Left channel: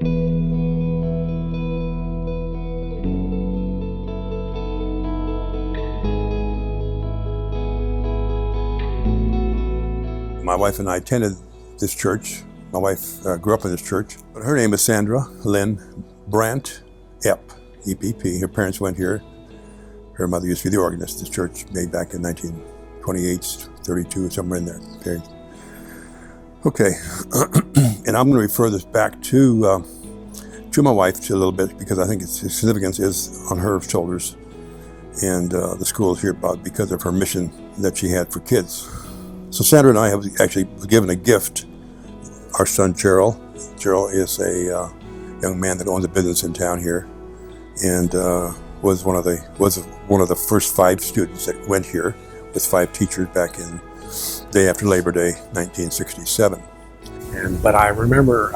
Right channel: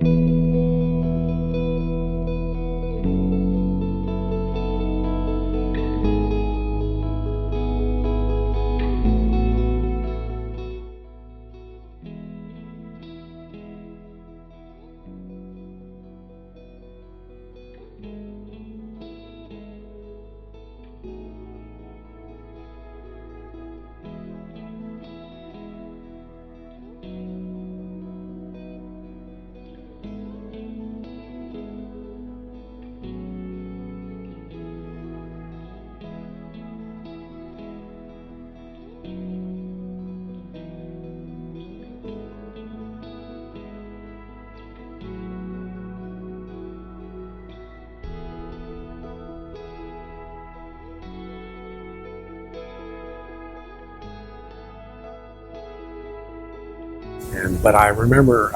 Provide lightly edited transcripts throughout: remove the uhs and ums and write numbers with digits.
My wife and I attended this church. My wife grew up in this church. Her name is Sandra Lynn Brandt Epp, E-P-P. Her parents went here. Her mother used to be the organist. This church made back in 1928, 32, somewhere in there. Okay, and I'm going to refer this back to my wife a little bit because I think its significance is on her shoulders, and the school is here about because of her mission that she had for kids. So Sandra and I have actually given a gift. Our son Gerald. Gerald is a young man that owns a business in town here, and was one of the first 5 students that went here with 5 teachers back in day after Labor Day, 1967. But I remember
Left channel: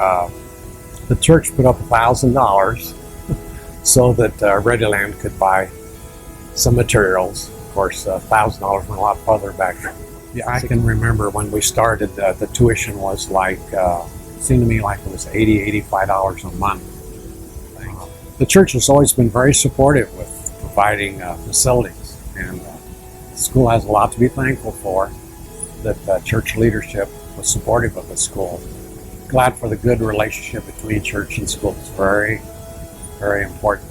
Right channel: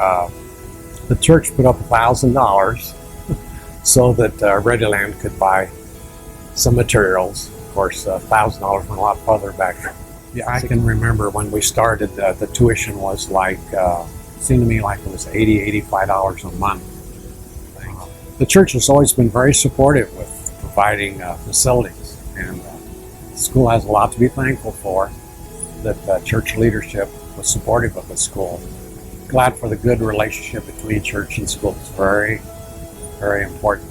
the church put up $1,000 so that Readyland could buy some materials. Of course, $1,000 went a lot farther back then. Yeah, I can remember when we started, the tuition was like, seemed to me like it was $80, $85 a month. The church has always been very supportive with providing facilities, and the school has a lot to be thankful for, that church leadership was supportive of the school. Glad for the good relationship between church and school. It's very, very important.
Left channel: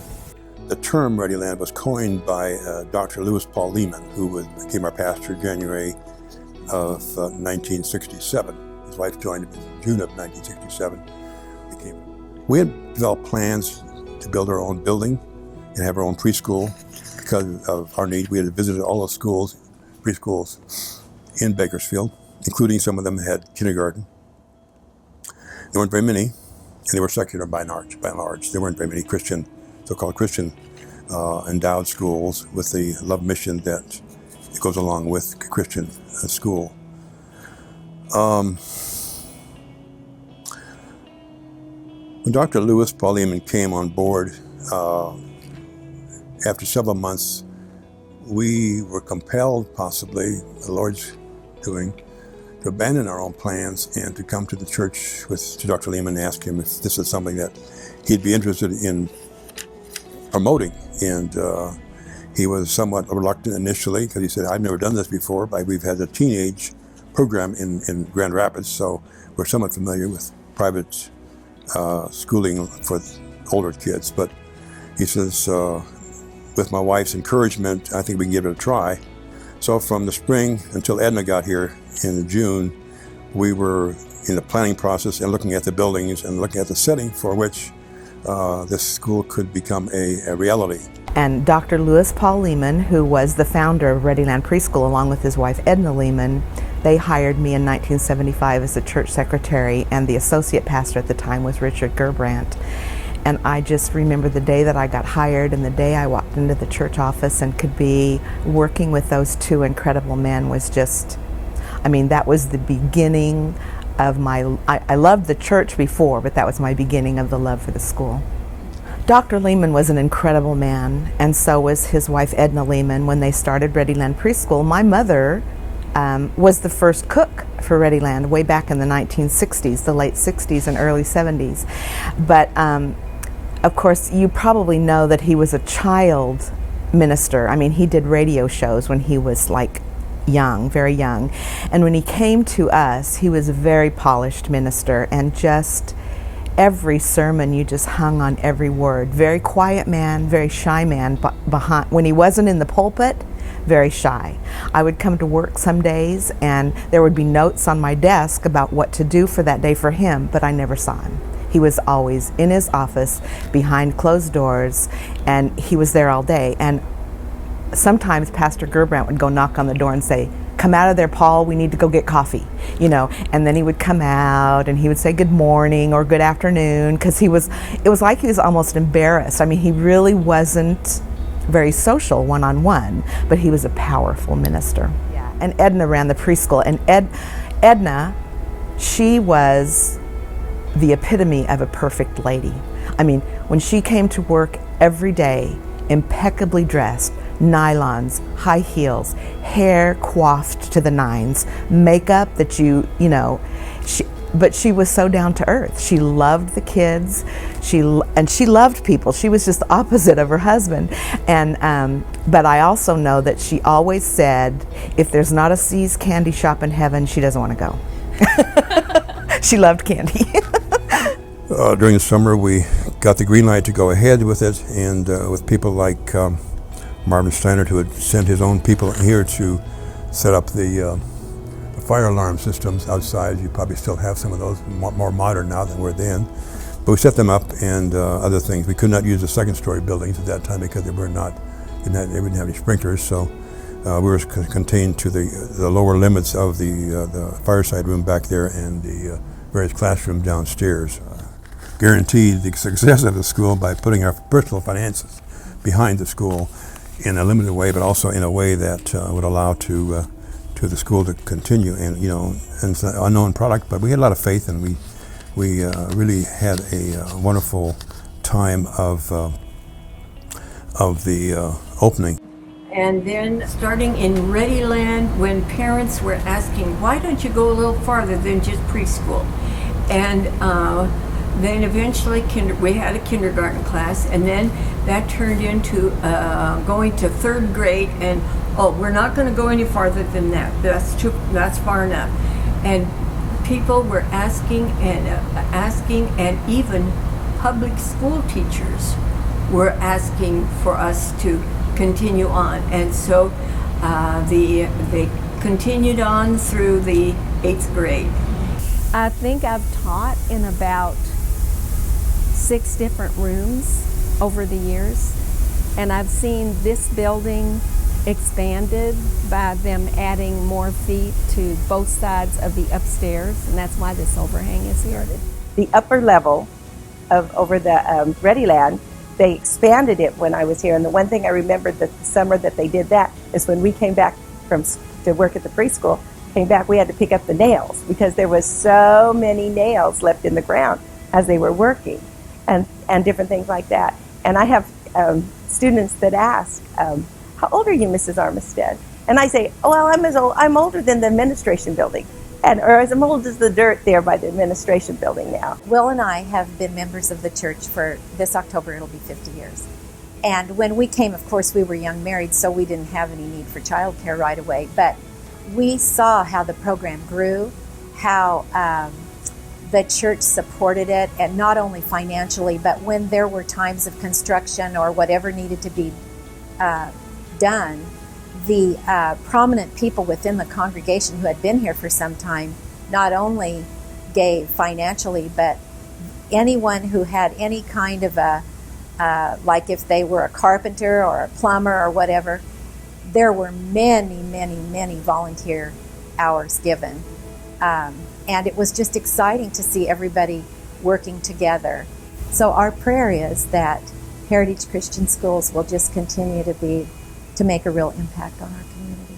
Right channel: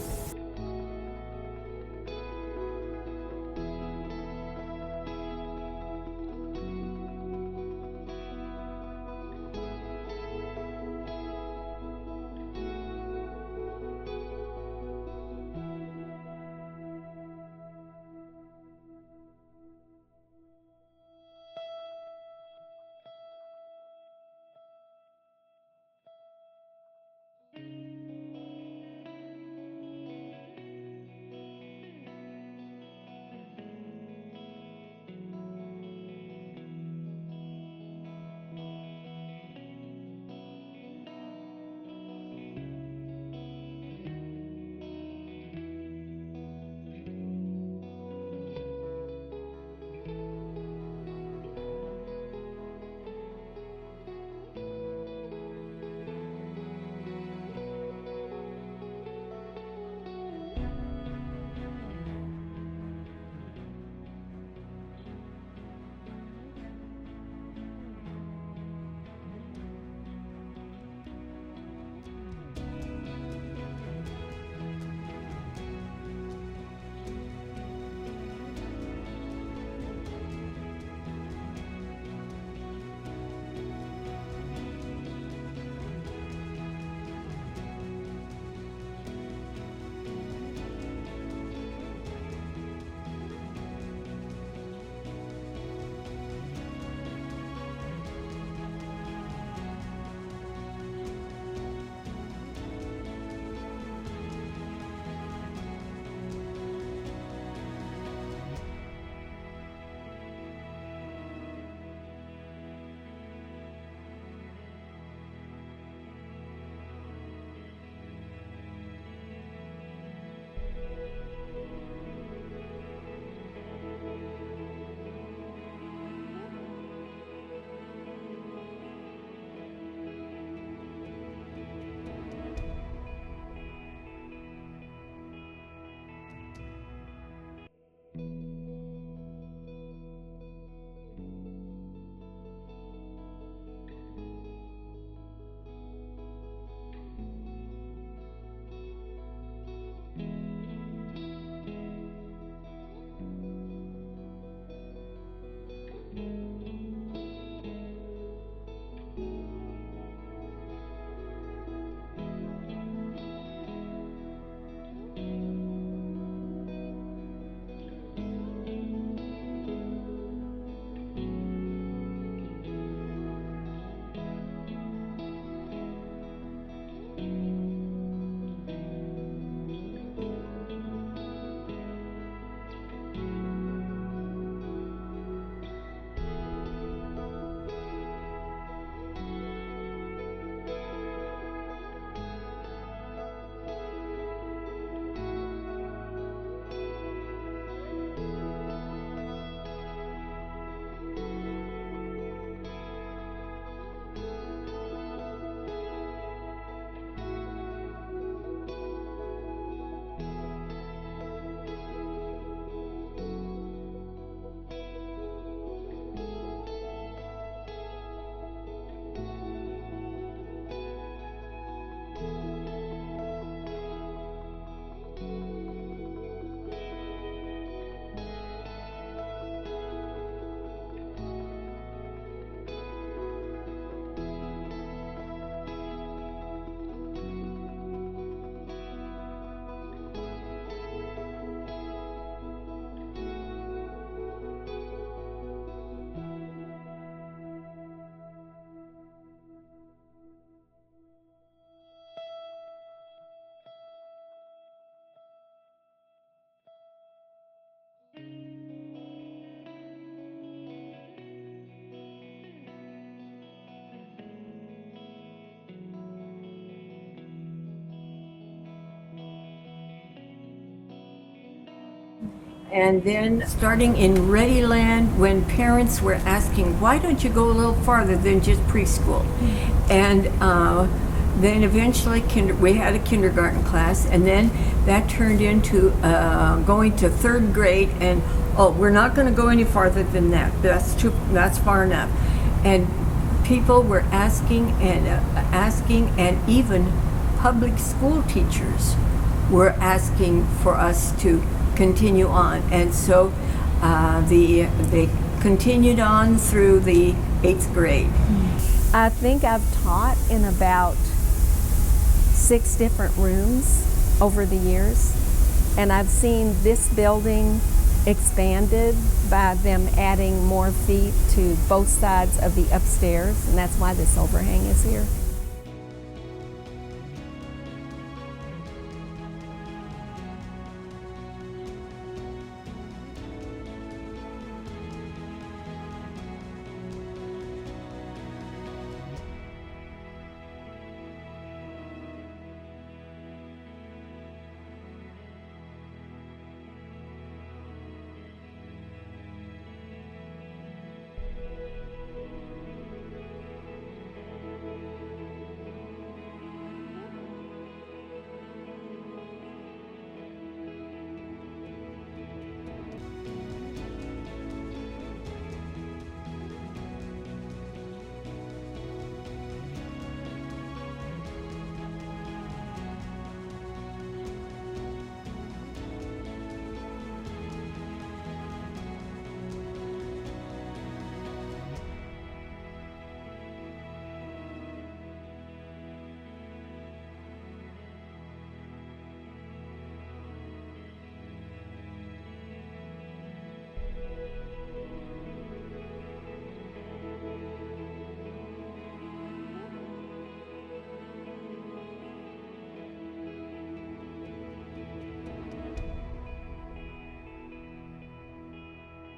The term Readyland was coined by Dr. Lewis Paul Lehman, who became our pastor January of 1967. His wife joined him in June of 1967. We had developed plans to build our own building and have our own preschool because of our need. We had visited all the schools, preschools in Bakersfield, including some of them had kindergarten. There weren't very many, and they were secular by and large. There weren't very many Christian, so-called Christian endowed schools with the love mission that goes along with Christian school. When Dr. Lewis Paul Lehman came on board, after several months, we were compelled, possibly, the Lord's doing, to abandon our own plans and to come to the church to Dr. Lehman and ask him if this is something that he'd be interested in promoting. And he was somewhat reluctant initially because he said, I've never done this before, but we've had a teenage program in Grand Rapids, so we're somewhat familiar with private schooling for older kids. But he says, with my wife's encouragement, I think we can give it a try. So from the spring until Edna got here in June, we were in the planning process and looking at the buildings and looking at the setting for which this school could become a reality. And Dr. Lewis Paul Lehman, who was the founder of Readyland Preschool along with his wife Edna Lehman, they hired me in 1975 as the church secretary, and the associate pastor at the time was Richard Gerbrandt. And I just remember the day that I got hired and the day I walked into the church office and could be working with those 2 incredible men was just, I mean, that was the beginning of I loved the church before, but that was my beginning of the love for the school. Dr. Lehman was an incredible man, and so was his wife Edna Lehman. When they started Readyland Preschool, my mother was the first cook for Readyland way back in the 1960s, the late 60s and early 70s. But of course, you probably know that he was a child minister. I mean, he did radio shows when he was like young, very young. And when he came to us, he was a very polished minister, and just every sermon you just hung on every word. Very quiet man, very shy man, but when he wasn't in the pulpit, very shy. I would come to work some days and there would be notes on my desk about what to do for that day for him, but I never saw him. He was always in his office behind closed doors, and he was there all day. And sometimes Pastor Gerbrandt would go knock on the door and say, "Come out of there, Paul, we need to go get coffee," you know, and then he would come out and he would say good morning or good afternoon, because it was like he was almost embarrassed. I mean, he really wasn't very social one-on-one, but he was a powerful minister. Yeah. And Edna ran the preschool, and Edna, she was the epitome of a perfect lady. I mean, when she came to work every day, impeccably dressed, nylons, high heels, hair coiffed to the nines, makeup that you know, but she was so down to earth. She loved the kids. She loved people. She was just the opposite of her husband. And but I also know that she always said, if there's not a See's candy shop in heaven, she doesn't want to go. She loved candy. During the summer, we got the green light to go ahead with it, and with people like Marvin Steinert, who had sent his own people here to set up the fire alarm systems outside. You probably still have some of those, more modern now than were then. But we set them up, and other things. We could not use the second-story buildings at that time because they wouldn't have any sprinklers. So we were contained to the lower limits of the fireside room back there and the various classrooms downstairs. Guaranteed the success of the school by putting our personal finances behind the school in a limited way, but also in a way that would allow to the school to continue. And and it's an unknown product, but we had a lot of faith, and we really had a wonderful time of the opening. And then starting in Readyland, when parents were asking, why don't you go a little farther than just preschool? And then eventually we had a kindergarten class, and then that turned into going to third grade, and we're not going to go any farther than that. That's far enough. And people were asking, and even public school teachers were asking for us to continue on. And so they continued on through the 8th grade. I think I've taught in about 6 different rooms over the years, and I've seen this building expanded by them adding more feet to both sides of the upstairs, and that's why this overhang is here. The upper level of over the Readyland, they expanded it when I was here, and the one thing I remember that the summer that they did that is when we came back to work at the preschool, we had to pick up the nails because there was so many nails left in the ground as they were working, and different things like that. And I have students that ask, how old are you, Mrs. Armistead? And I say, oh, well, I'm older than the administration building, or as old as the dirt there by the administration building now. Will and I have been members of the church for this October, it'll be 50 years. And when we came, of course, we were young married, so we didn't have any need for childcare right away. But we saw how the program grew, how the church supported it, and not only financially, but when there were times of construction or whatever needed to be done, the prominent people within the congregation who had been here for some time not only gave financially, but anyone who had any kind of like if they were a carpenter or a plumber or whatever, there were many, many, many volunteer hours given. And it was just exciting to see everybody working together. So our prayer is that Heritage Christian Schools will just continue to make a real impact on our community.